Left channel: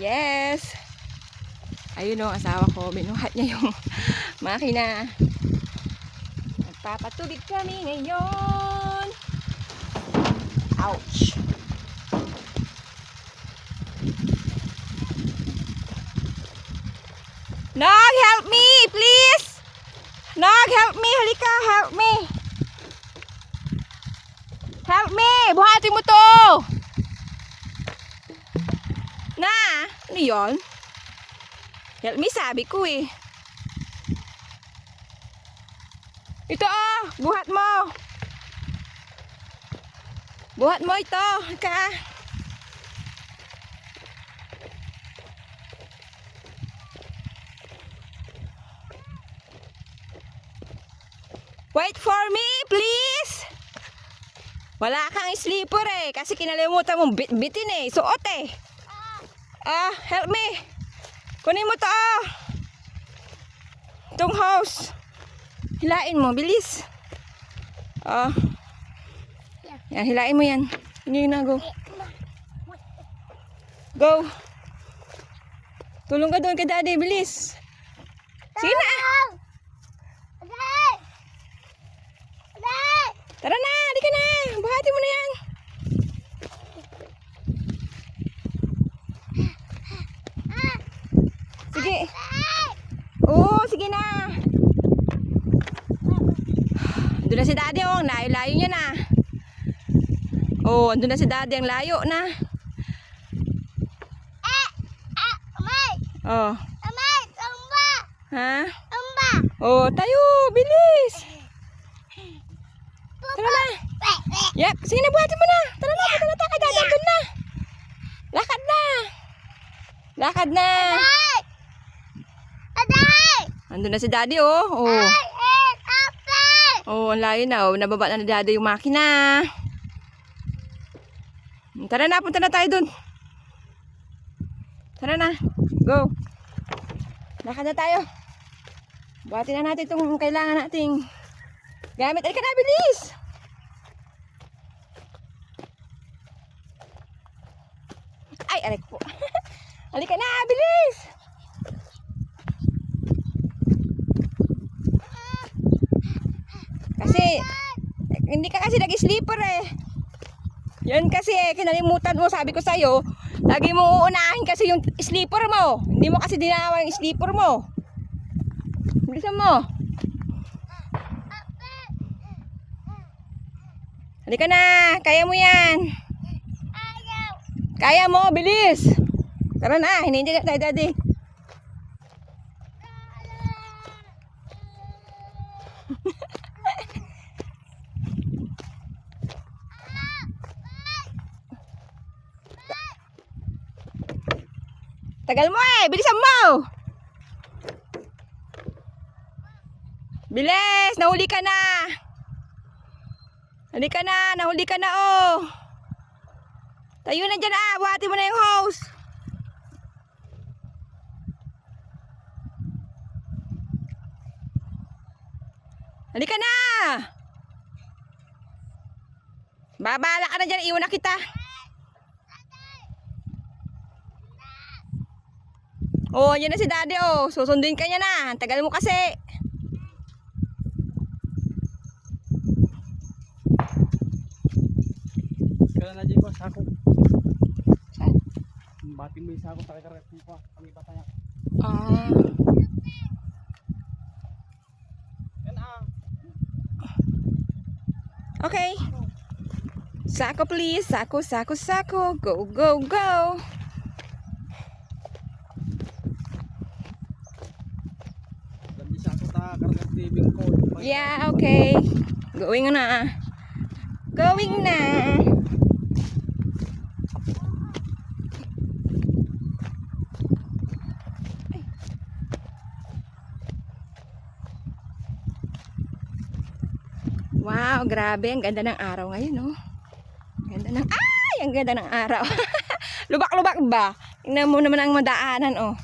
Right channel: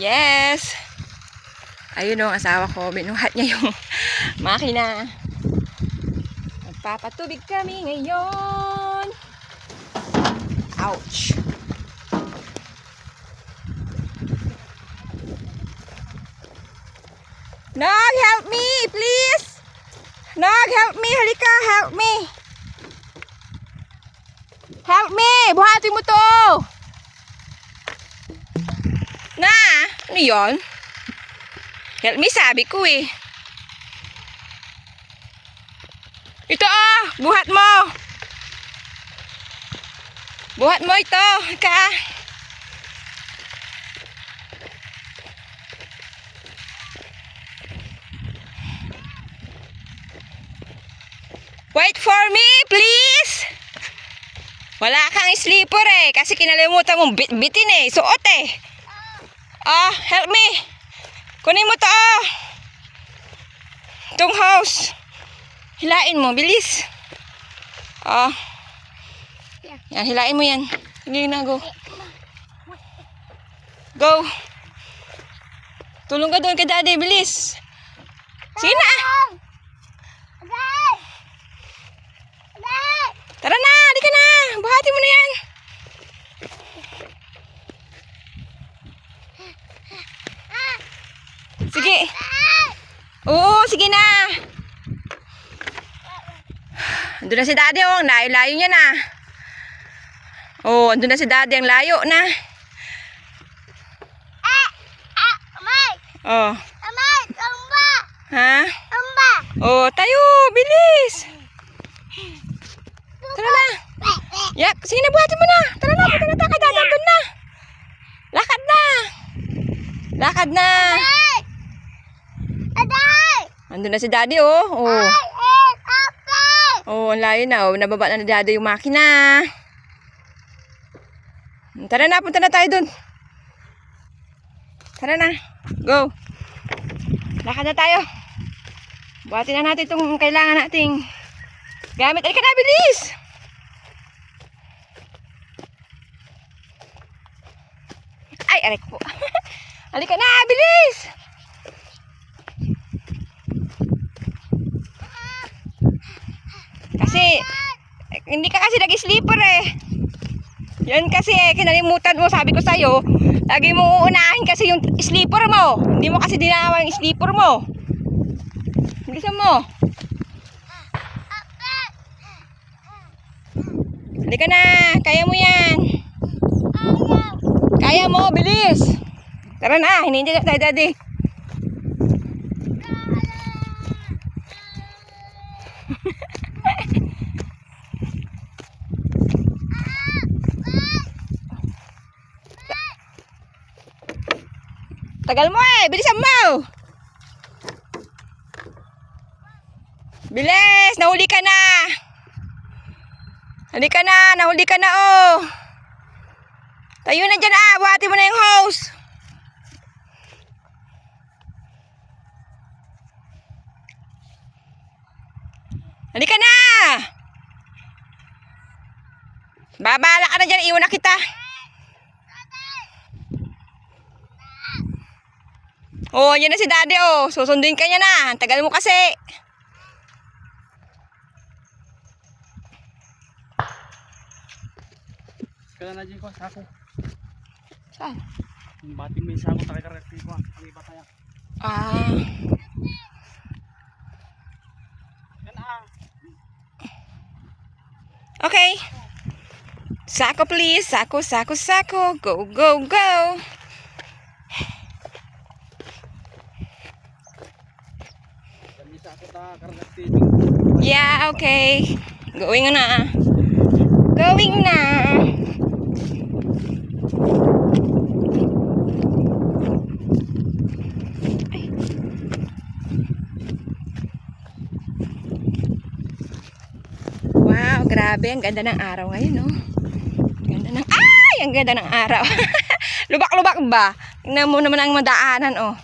Yes! Ayun o, asawa ko. Binuhat niya yung makina. Magpapatubig kami ngayon. Ouch! Nog, help me, please! Nog, help me! Halika, help me! Help me! Buhatin mo to! Na! Ano yun? Help me, sabi ko eh. Ito oh! Buhat mo! Buhat mo ito! Ka! Wait for me, please! Wala kang sleeper eh. Kasi kinalimutan mong bitin eh. Suot eh. Oh, help me. Kunin mo to oh. Itong house. Hilain mo, bilis. Oh. Yan, hilain mo yan. Sige na, go. Go. Tulong ka doon kay daddy, bilis. Sige na. Tara na, di ka na. Buhati mo na yan. Sige. Oo, sige na. Andun na si daddy oh. Layo-layo niya na. Oh, andun na si daddy. Ang layo na. Oh. Ha? Oh, tayo. Bilis. Tara na. Yak, sige na, buhatin mo na. Tara na, punta na tayo kay daddy. Andun na. Lakad na. Lakad na. Andun na si daddy oh. Oh. Oh, ang layo na oh. Nababa na ni daddy yung makina. Tara na, punta na tayo dun. Tara na. Go. Lakad na tayo. Buhatin na natin itong kailangan nating gamit. Ay ka na, bilis. Ay, aray ko po. Halika na, bilis. Kasi, hindi ka kasi nag-sleeper eh. Yan kasi eh, kinalimutan mo, sabi ko sa'yo, lagi mo uunahin kasi yung sleeper mo. Hindi mo kasi dinawa yung sleeper mo. Bilisan mo. Halika na, kaya mo yan. Kaya mo, bilis. Tara na, hinihintay na tayo daddy. Tagal mo eh, bilisan mo. Bilis, nahuli ka na. Halika na, nahuli ka na oh. Tayo na dyan ah, buhati mo na yung hose. Halika na. Babala ka na dyan, iwan na kita. Oh, yan na si daddy oh. Susunduin ka niya na. Tagal mo kasi. Kaya na dyan ko, sako. Saan? Batin mo yung sako, takikarakti ko. Ang iba tayo. Ah. Yan ah. Okay. Sako please. Sako, sako, sako. Go, go, go. Yan yung sako, takikarakti ko. Yeah, okay. Going na. Going na. Ay. Wow, grabe. Ang ganda ng araw ngayon, no? Ganda ng... Ay! Ang ganda ng araw. Lubak-lubak ba? Tingnan mo naman ang madaanan, oh.